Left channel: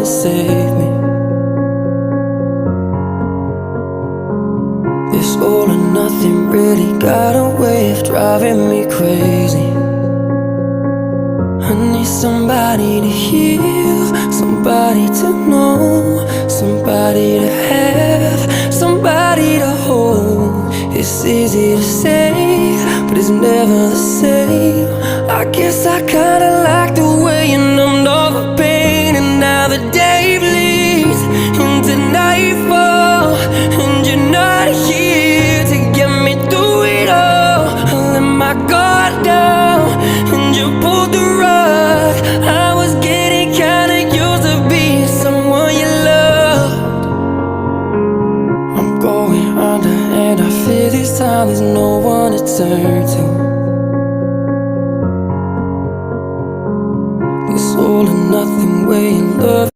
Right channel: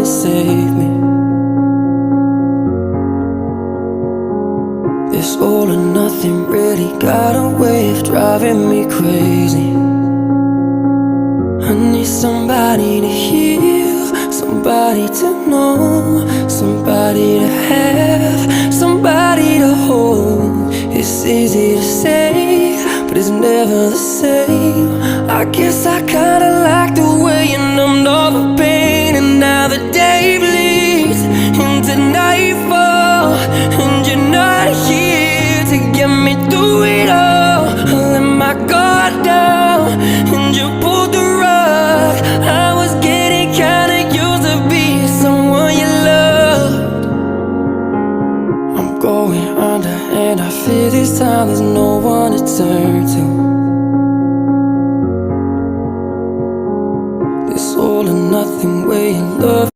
to save me. This all or nothing really got a way of driving me crazy. I need somebody to heal, somebody to know, somebody to have, somebody to hold. It's easy to say, but it's never the same. I guess I kinda like the way you numbed all the pain. And now the day bleeds into nightfall, and you're not here to get me through it all. I let my guard down, and you pulled the rug. I was getting kinda used to being someone you loved. I'm going under, and I fear this time there's no one to turn to. This all or nothing way you love